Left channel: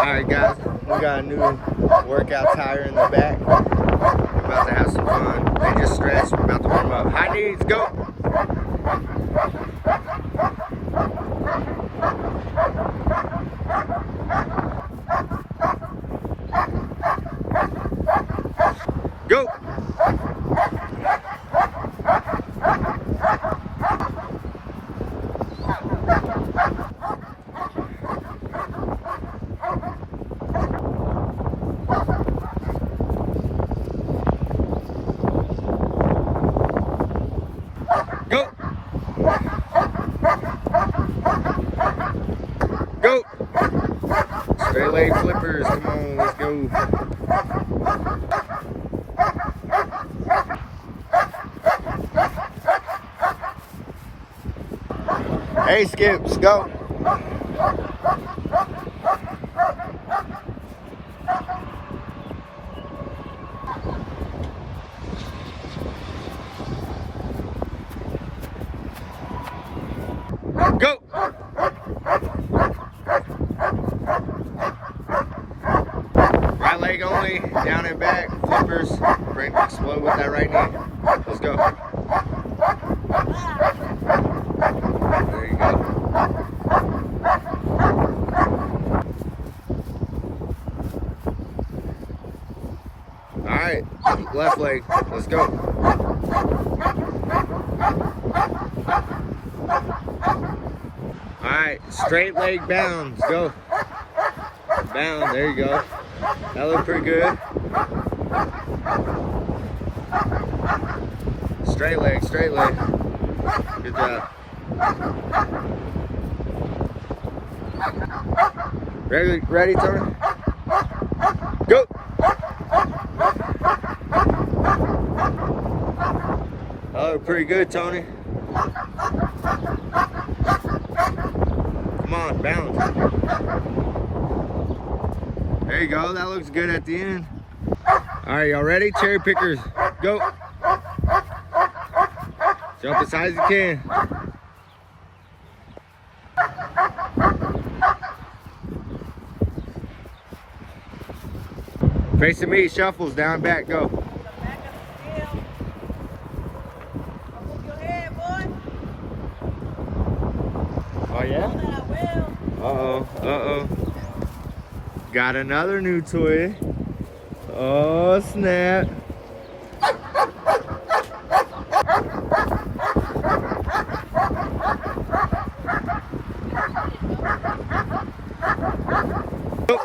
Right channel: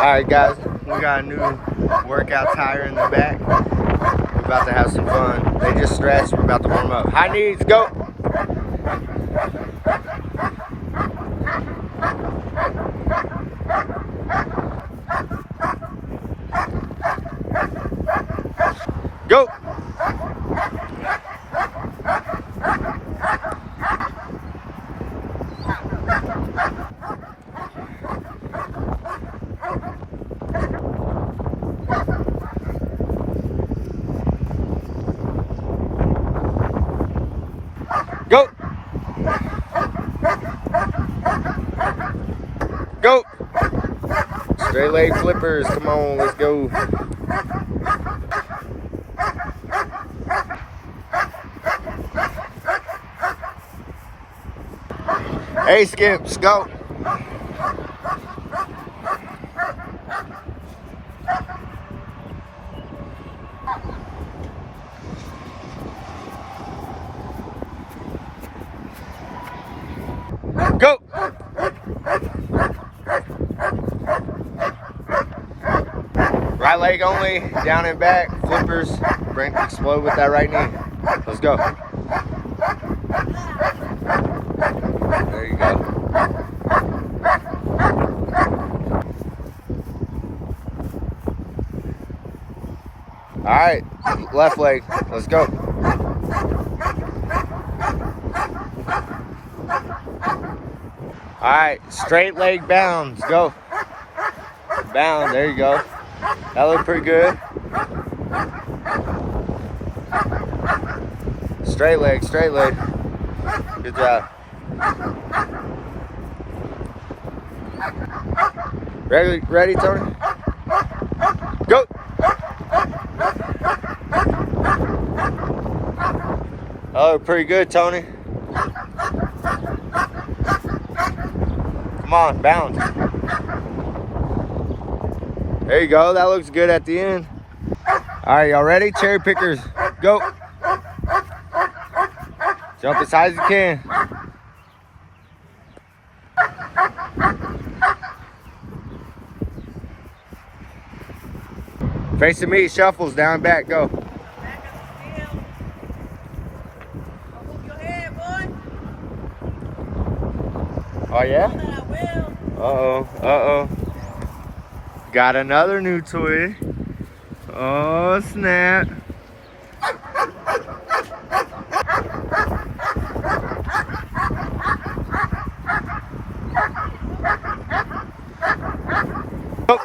Alright guys, we got a new workout tire in the back. We're about to have some fun. They just stretched, we're about to warm up. High knees, go! Go! Go! Go! Straight leg flippers, come on, let's go. Hey Skips, go! Go! Right leg only, down and back, flippers. Bring explode with that right knee. Let's go. There you go. All right, left leg, let's go. All right, straight leg bounds, go. Bound, there you go. That looked pretty good. Straight leg, straight leg. Good job. Ready, Tony? Go! Oh, pretty good, Tony. Come on, bounce. There you go, that looks good at the end. All right, y'all ready? Cherry pickers, go. Jump as high as you can. Facing me, shuffles, down and back, go. Oh yeah? Uh-oh. Got another new toy. Oh snap. Oh.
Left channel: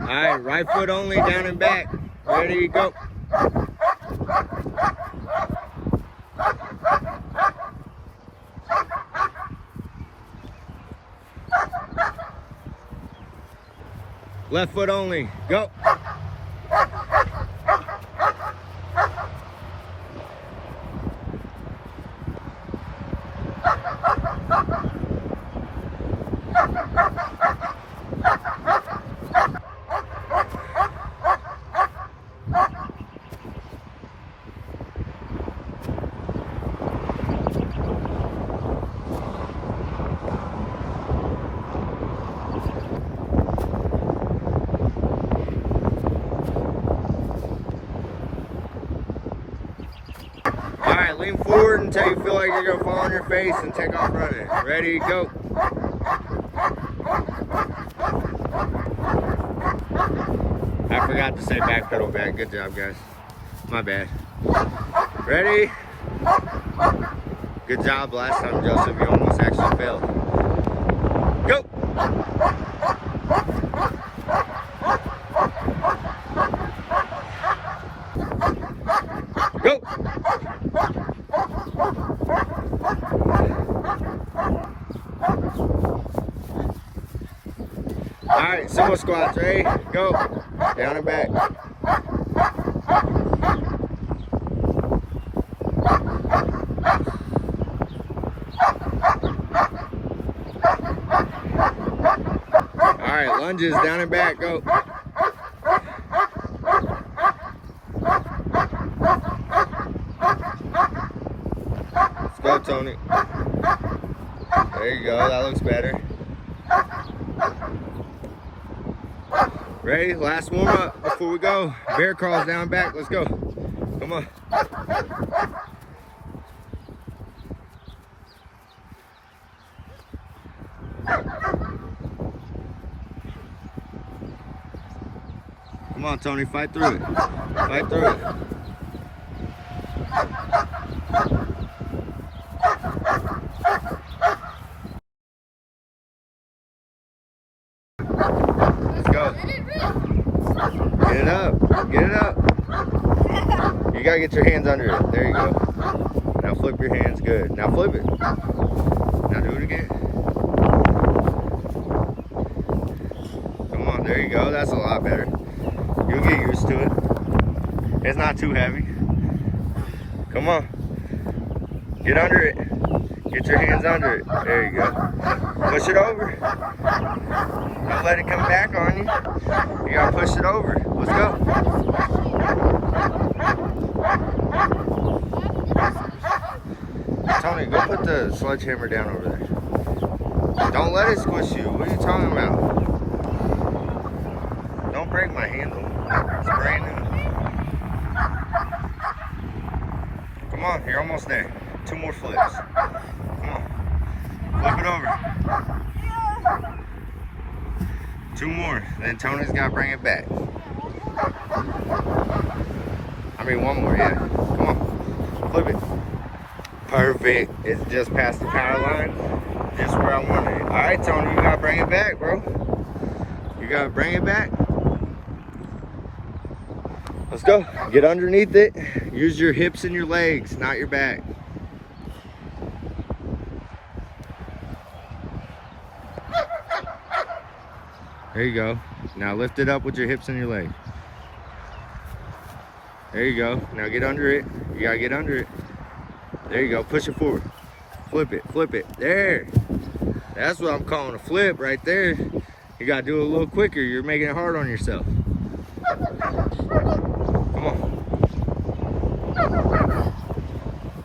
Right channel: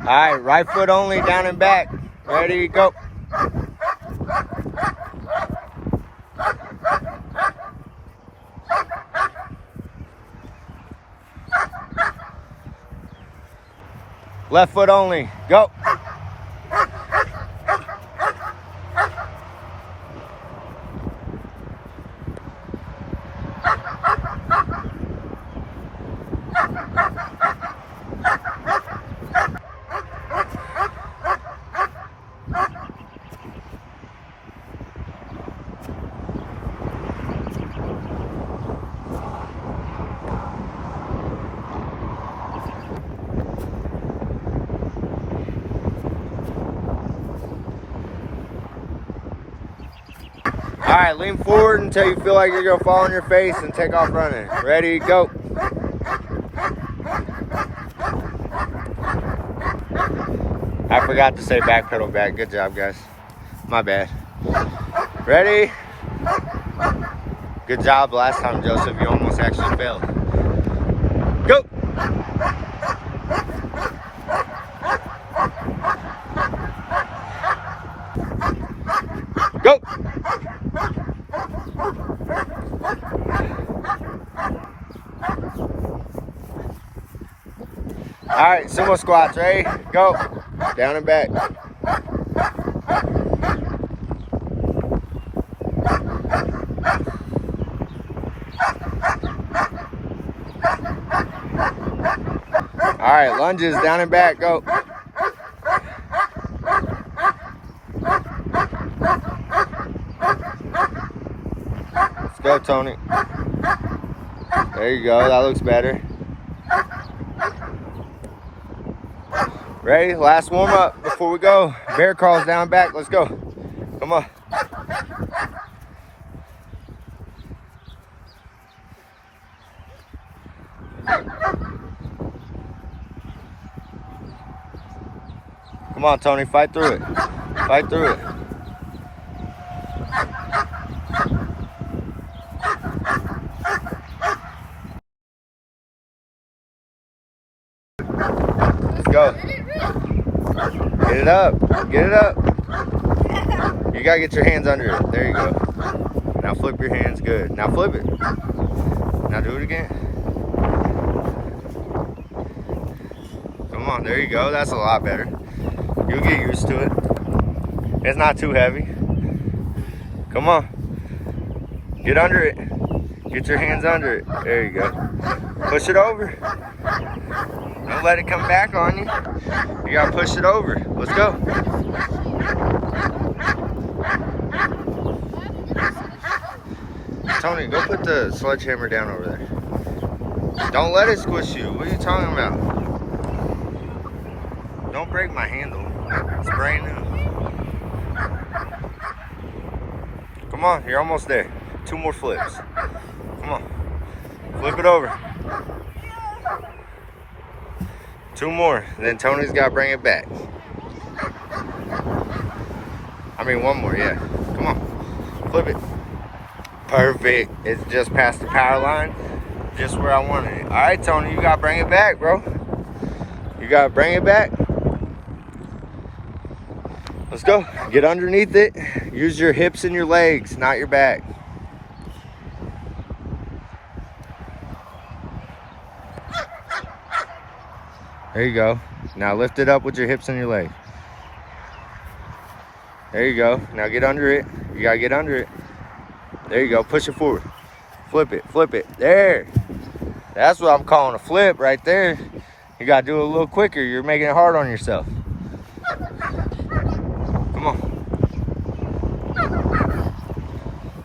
All right, right foot only, down and back. Ready, go. Left foot only, go. All right, lean forward until you feel like you're gonna fall on your face and take off running. Ready, go. I forgot to say back pedal back. Good job, guys. My bad. Ready? Good job last time, Joseph. You almost actually failed. Go. Go. All right, sumo squats, ready? Go. Down and back. All right, lunges, down and back, go. Tony. There you go. That looks better. Ready? Last warm up before we go. Bear crawls down back. Let's go. Come on. Come on, Tony. Fight through it. Fight through it. Let's go. Get it up. Get it up. You gotta get your hands under it. There you go. Now flip your hands. Good. Now flip it. Now do it again. Come on. There you go. That's a lot better. You'll get used to it. It's not too heavy. Come on. Get under it. Get your hands under it. There you go. Push it over. Don't let it come back on you. You gotta push it over. Let's go. Tony, go put the sledgehammer down over there. Don't let it squish you. What are you talking about? Don't break my handle. It's brand new. Come on, you're almost there. 2 more flips. Come on. Flip it over. 2 more. Then Tony's got to bring it back. I mean, 1 more, yeah. Come on. Flip it. Perfect. It's just past the power line. Just where I wanted it. All right, Tony, you got to bring it back, bro. You got to bring it back. Let's go. Get underneath it. Use your hips and your legs, not your back. There you go. Now lift it up with your hips and your legs. There you go. Now get under it. You gotta get under it. There you go. Push it forward. Flip it. Flip it. There. That's what I'm calling a flip right there. You gotta do it a little quicker. You're making it hard on yourself. Come on.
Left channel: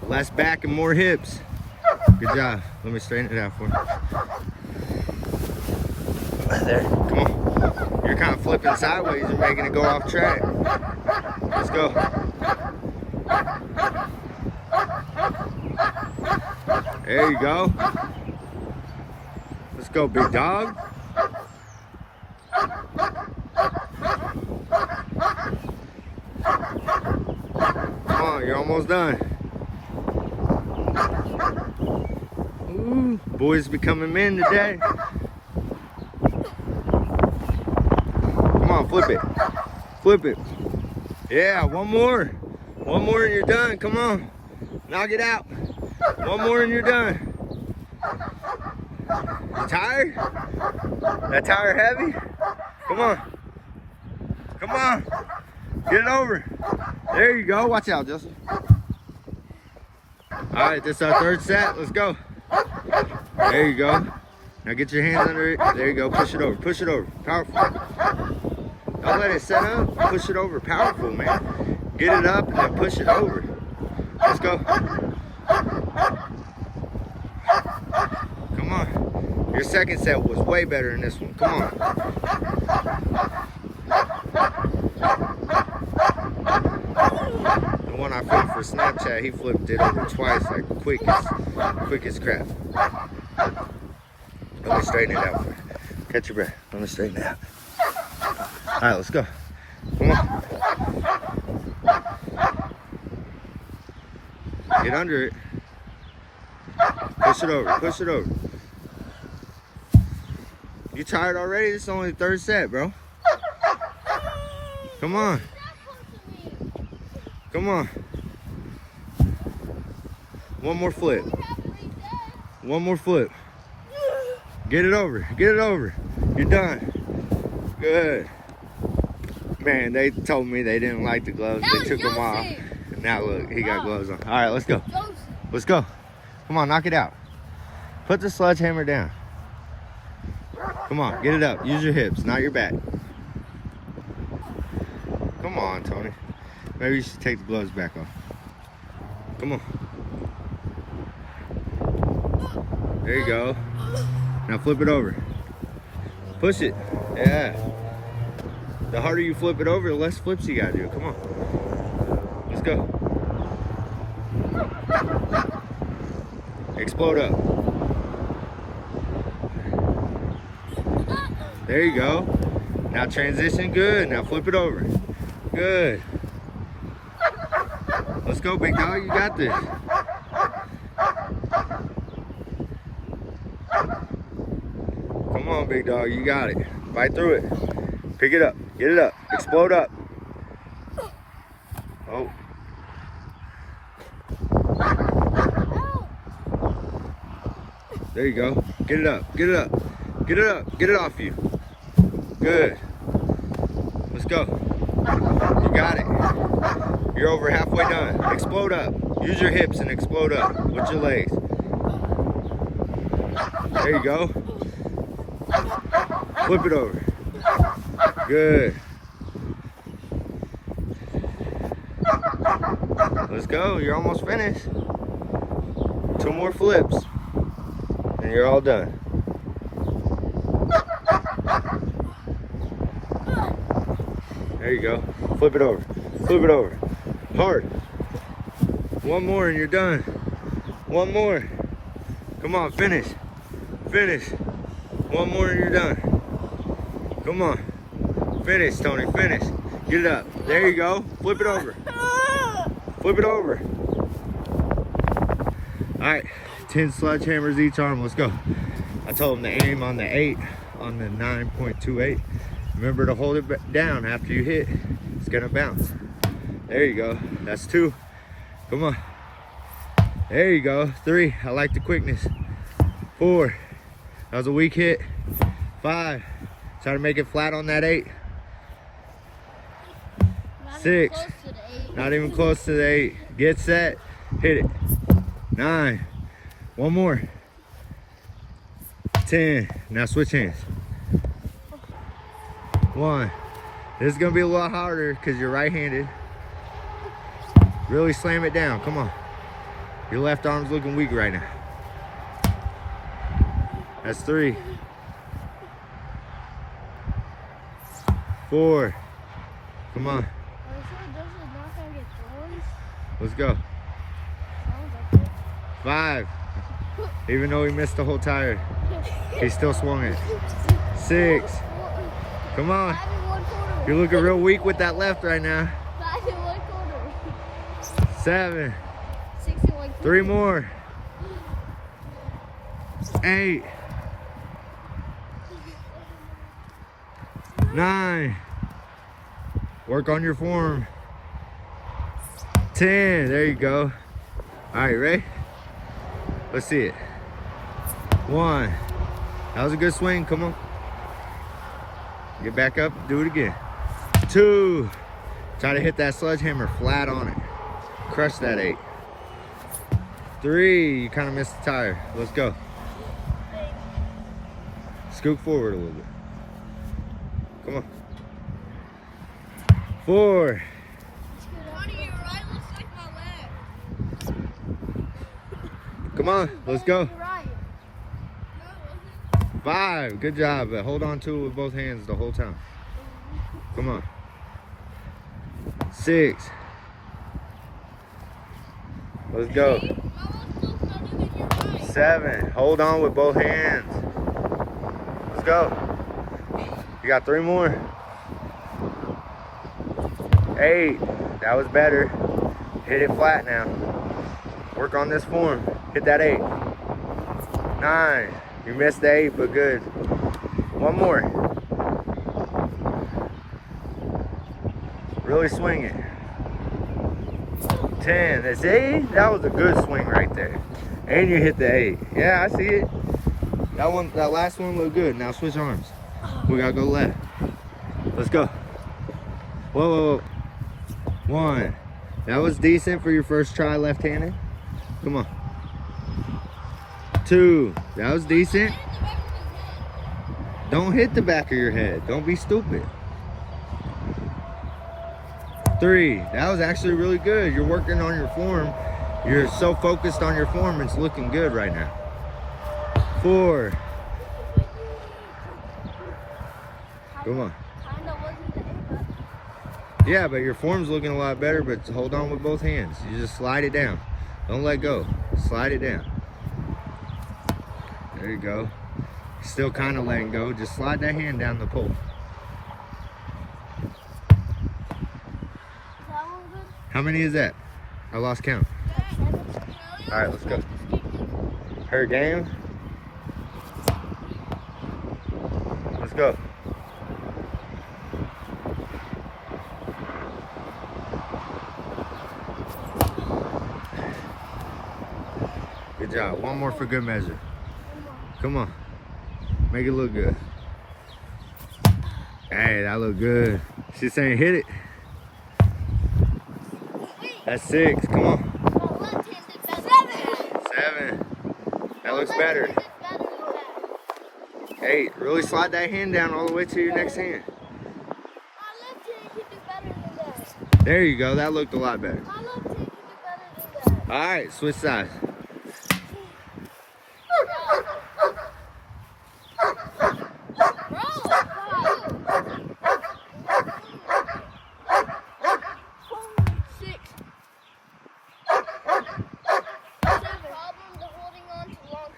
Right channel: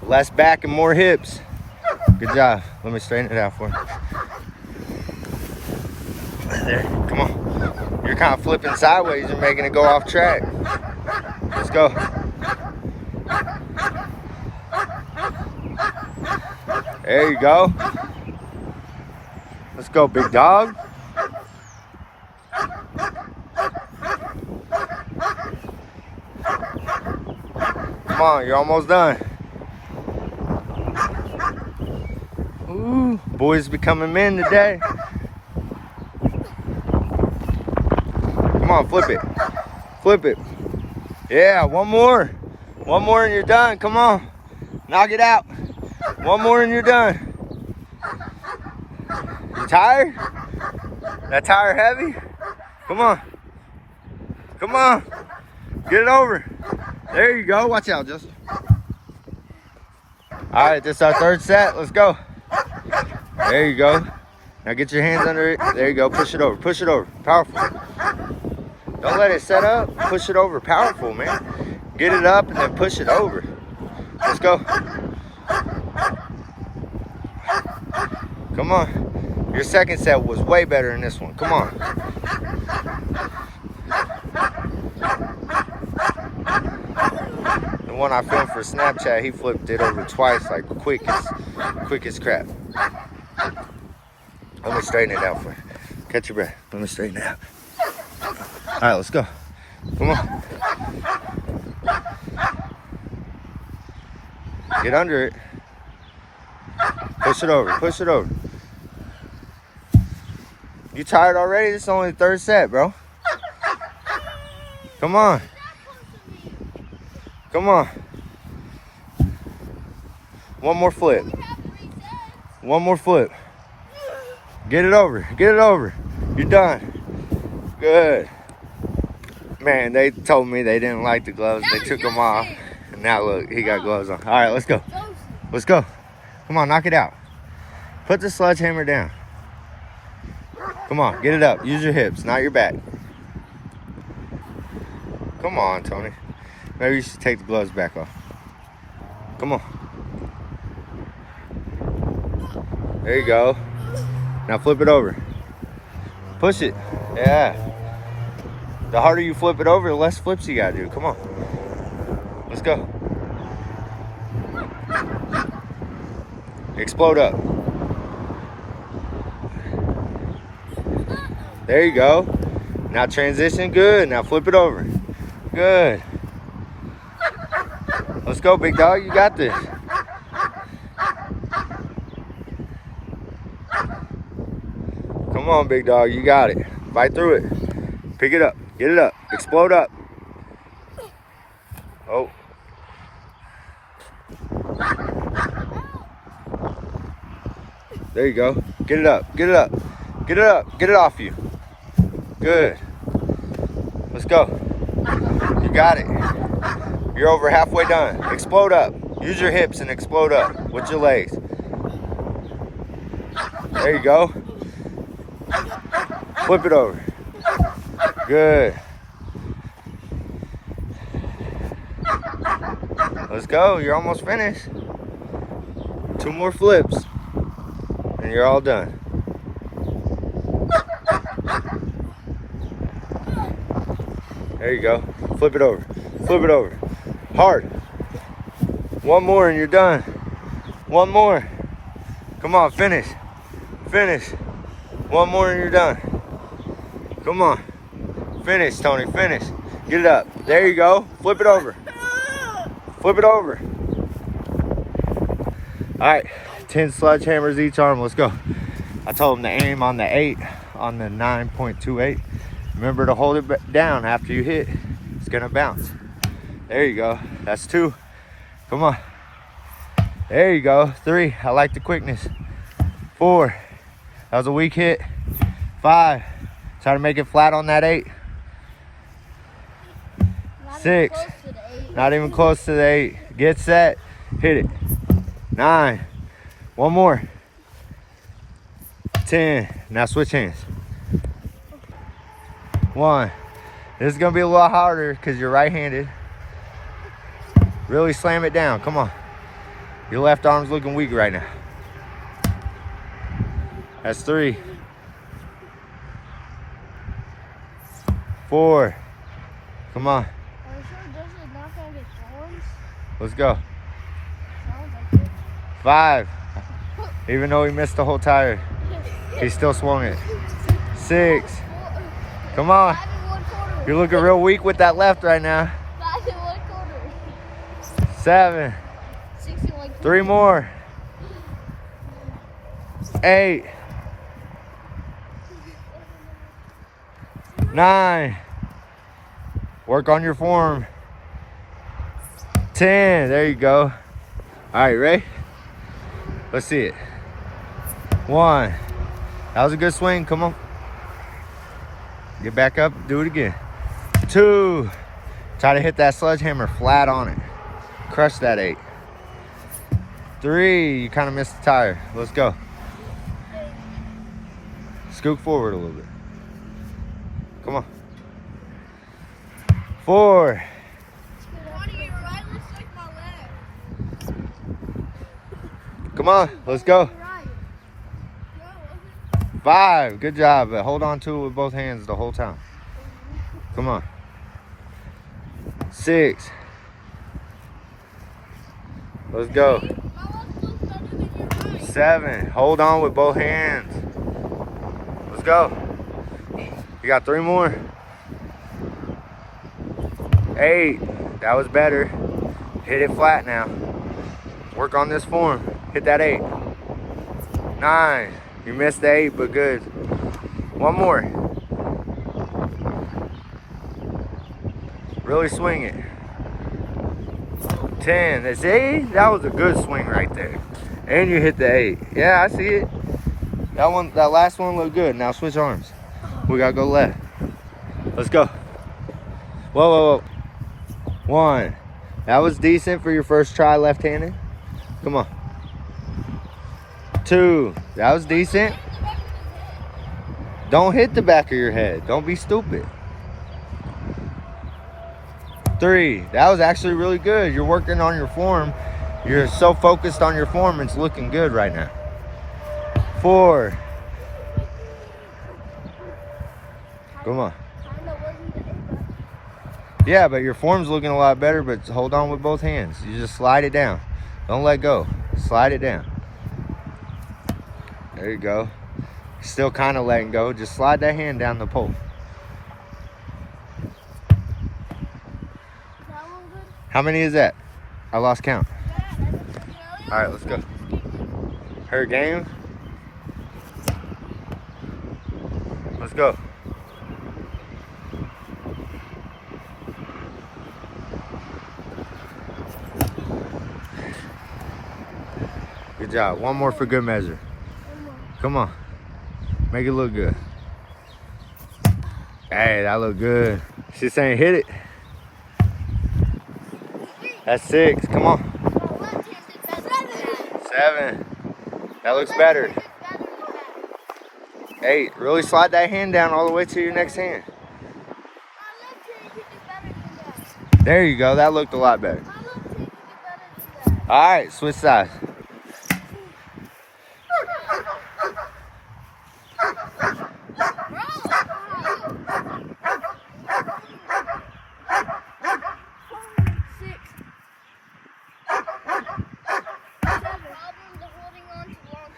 Less back and more hips. Good job. Let me straighten it out for you. There. Come on. You're kind of flipping sideways and making it go off track. Let's go. There you go. Let's go, big dog. Come on, you're almost done. Ooh, boys becoming men today. Come on, flip it. Flip it. Yeah, 1 more. 1 more and you're done. Come on. Knock it out. 1 more and you're done. You tired? That tire heavy? Come on. Come on. Get it over. There you go. Watch out, Justin. All right, this is our 3rd set. Let's go. There you go. Now get your hands under it. There you go. Push it over. Push it over. Powerful. Don't let it set up. Push it over. Powerful, man. Get it up and then push it over. Let's go. Come on. Your 2nd set was way better than this one. Come on. The one I filmed for Snapchat, he flipped it over twice, like quick as crap. Let me straighten it out for you. Catch your breath. Let me straighten it out. All right, let's go. Come on. Get under it. Push it over. Push it over. You tired already? This is only the 3rd set, bro. Come on. Come on. 1 more flip. 1 more flip. Get it over. Get it over. You're done. Good. Man, they told me they didn't like the gloves. They took them off. And now look, he got gloves on. All right, let's go. Let's go. Come on, knock it out. Put the sledgehammer down. Come on, get it up. Use your hips, not your back. Come on, Tony. Maybe you should take the gloves back off. Come on. There you go. Now flip it over. Push it. Yeah. The harder you flip it over, the less flips you gotta do. Come on. Let's go. Explode up. There you go. Now transition, good. Now flip it over. Good. Let's go, big dog, you got this. Come on, big dog, you got it. Fight through it. Pick it up, get it up, explode up. Oh. There you go. Get it up, get it up, get it up, get it off you. Good. Let's go. You got it. You're over halfway done. Explode up. Use your hips and explode up with your legs. There you go. Flip it over. Good. Let's go. You're almost finished. 2 more flips. And you're all done. There you go. Flip it over. Flip it over. Hard. 1 more and you're done. 1 more. Come on, finish. Finish. 1 more and you're done. Come on. Finish, Tony. Finish. Get it up. There you go. Flip it over. Flip it over. All right. 10 sledgehammers each arm. Let's go. I told him to aim on the 8 on the 9.28. Remember to hold it down after you hit. It's gonna bounce. There you go. That's 2. Come on. There you go. 3. I like the quickness. 4. That was a weak hit. 5. Try to make it flat on that 8. 6. Not even close to the 8. Get set. Hit it. 9. 1 more. 10. Now switch hands. 1. This is gonna be a lot harder because you're right-handed. Really slam it down. Come on. Your left arm's looking weak right now. That's 3. 4. Come on. Let's go. 5. Even though he missed the whole tire, he still swung it. 6. Come on. You're looking real weak with that left right now. 7. 3 more. 8. 9. Work on your form. 10. There you go. All right, ready? Let's see it. 1. That was a good swing. Come on. Get back up. Do it again. 2. Try to hit that sledgehammer flat on it. Crush that 8. 3. You kind of missed the tire. Let's go. Scoot forward a little bit. Come on. 4. Come on, let's go. 5, good job, but hold on to it with both hands the whole time. Come on. 6. Let's go. 7, hold on with both hands. Let's go. You got 3 more. 8, that was better. Hit it flat now. Work on this form. Hit that 8. 9, you missed the 8, but good. 1 more. Really swing it. 10, see? That was a good swing right there. And you hit the 8. Yeah, I see it. That last one looked good. Now switch arms. We gotta go left. Let's go. Whoa, whoa, whoa. 1. That was decent for your first try left-handed. Come on. 2. That was decent. Don't hit the back of your head. Don't be stupid. 3. That was actually really good. You're working on your form. You're so focused on your form, it's looking good right now. 4. Come on. Yeah, but your form's looking a lot better, but hold on with both hands. You just slide it down. Don't let go. Slide it down. There you go. Still kind of letting go. Just slide that hand down the pole. How many is that? I lost count. All right, let's go. Her game. Let's go. Good job. One more for good measure. Come on. Make it look good. Hey, that look good. She's saying hit it. That's 6. Come on. 7. That looks better. 8. Really slide that hand down all the way to your next hand. There you go. That looked a lot better. All right, switch sides.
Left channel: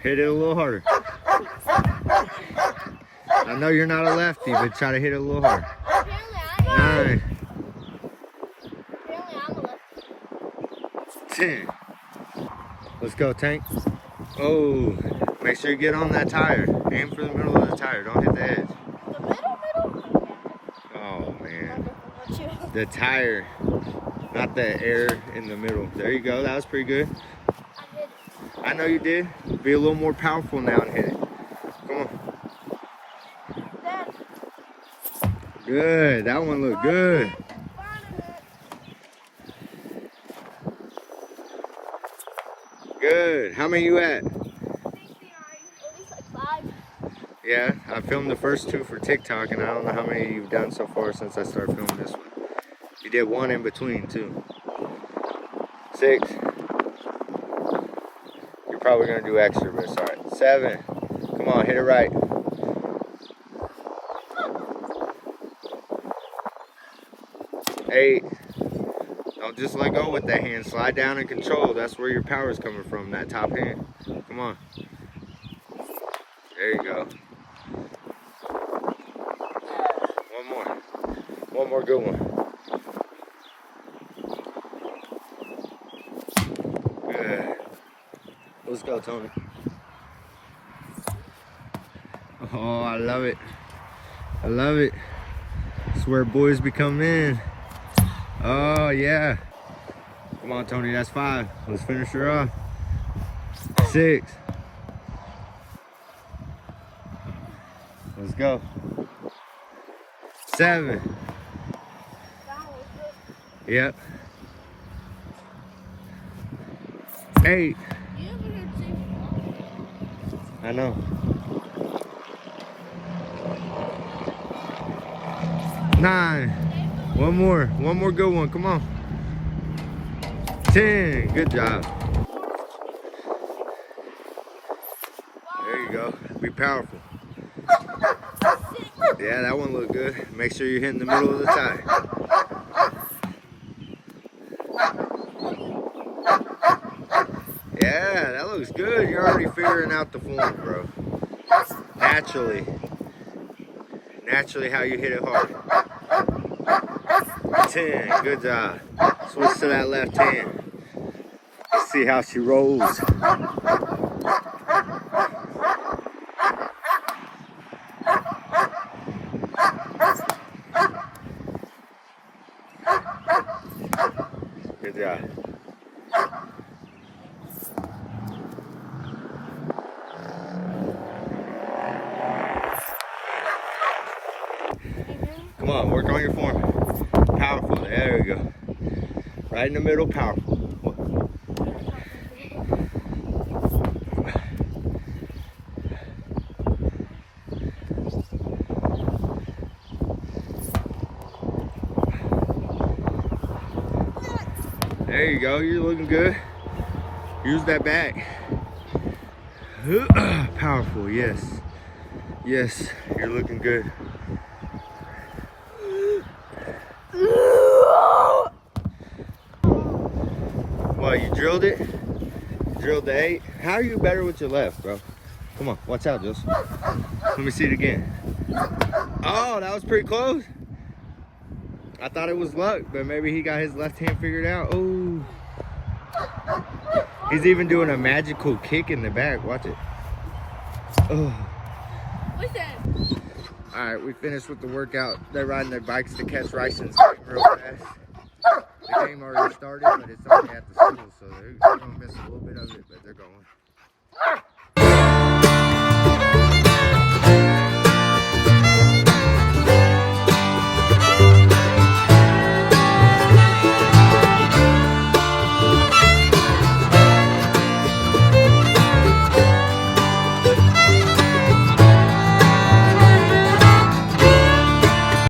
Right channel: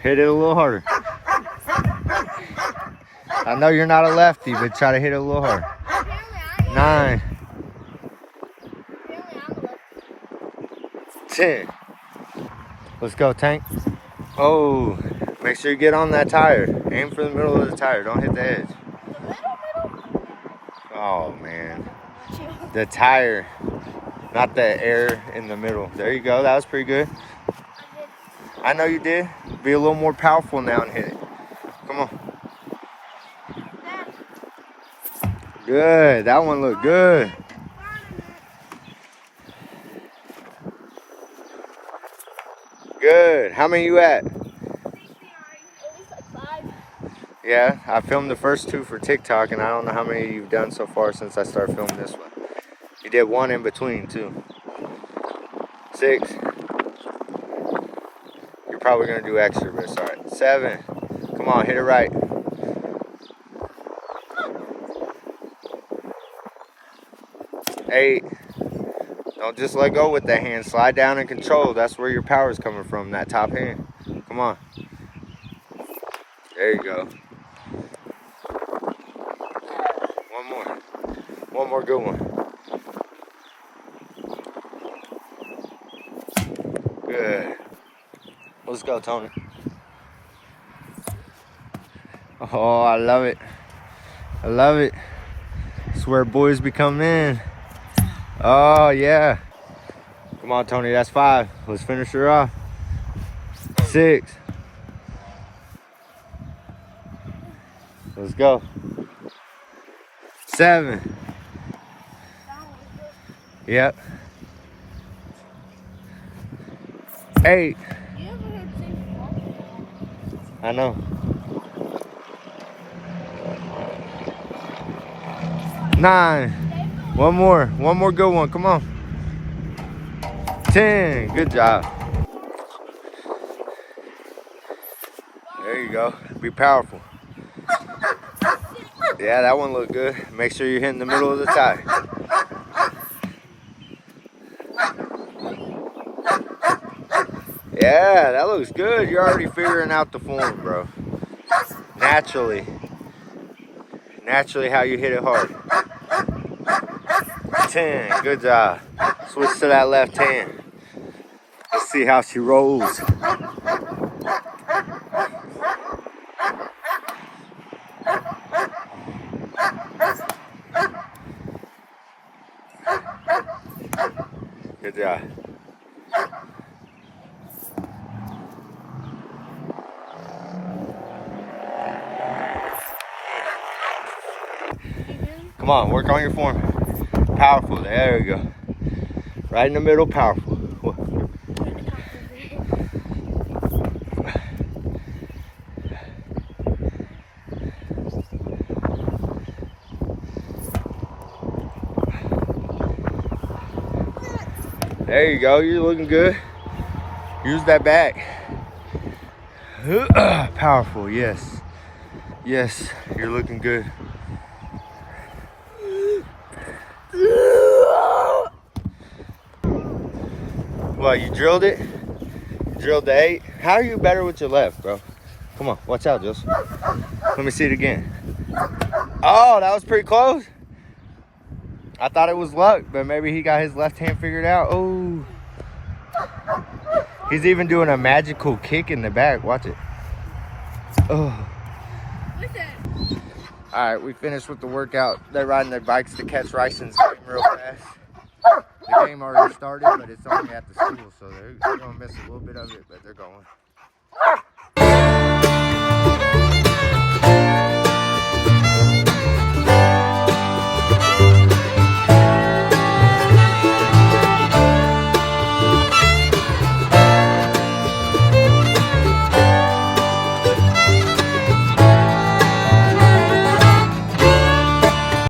Hit it a little harder. I know you're not a lefty, but try to hit it a little harder. 9. 10. Let's go, Tank. Oh, make sure you get on that tire. Aim for the middle of the tire. Don't hit the edge. Oh, man. The tire, not the air in the middle. There you go. That was pretty good. I know you did. Be a little more powerful now and hit it. Come on. Good. That one looked good. Good. How many you at? Yeah, I filmed the first 2 for TikTok, and I don't know how many you've done so far since I started filming this one. You did 1 in between, too. 6. You're probably going to do extra, but it's all right. 7. Come on, hit it right. 8. Don't just let go with that hand. Slide down and control. That's where your power is coming from, that top hand. Come on. There you go. One more. One more good one. Good. Let's go, Tony. Oh, I love it. I love it. It's where boys become men. Oh, yeah. Come on, Tony. That's 5. Let's finish her off. 6. Let's go. 7. Yep. 8. I know. 9. One more good one. Come on. 10. Good job. There you go. Be powerful. Yeah, that one looked good. Make sure you're hitting the middle of the tire. Yeah, that looks good. You're already figuring out the form, bro. Naturally how you hit it hard. 10, good job. Switch to that left hand. Let's see how she rolls. Good job. Come on, work on your form. Powerful, there you go. Right in the middle, powerful. There you go, you're looking good. Use that back. Powerful, yes. Yes, you're looking good. Well, you drilled it? Drilled the 8? How are you better with your left, bro? Come on, watch out, Joseph. Let me see it again. Oh, that was pretty close. I thought it was luck, but maybe he got his left hand figured out. Oh. He's even doing a magical kick in the back. Watch it. Oh. All right, we finished with the workout. They're riding their bikes to catch Ryson's game real fast. The game already started, but it's only at the school, so they're going to miss a little bit of it, but they're going.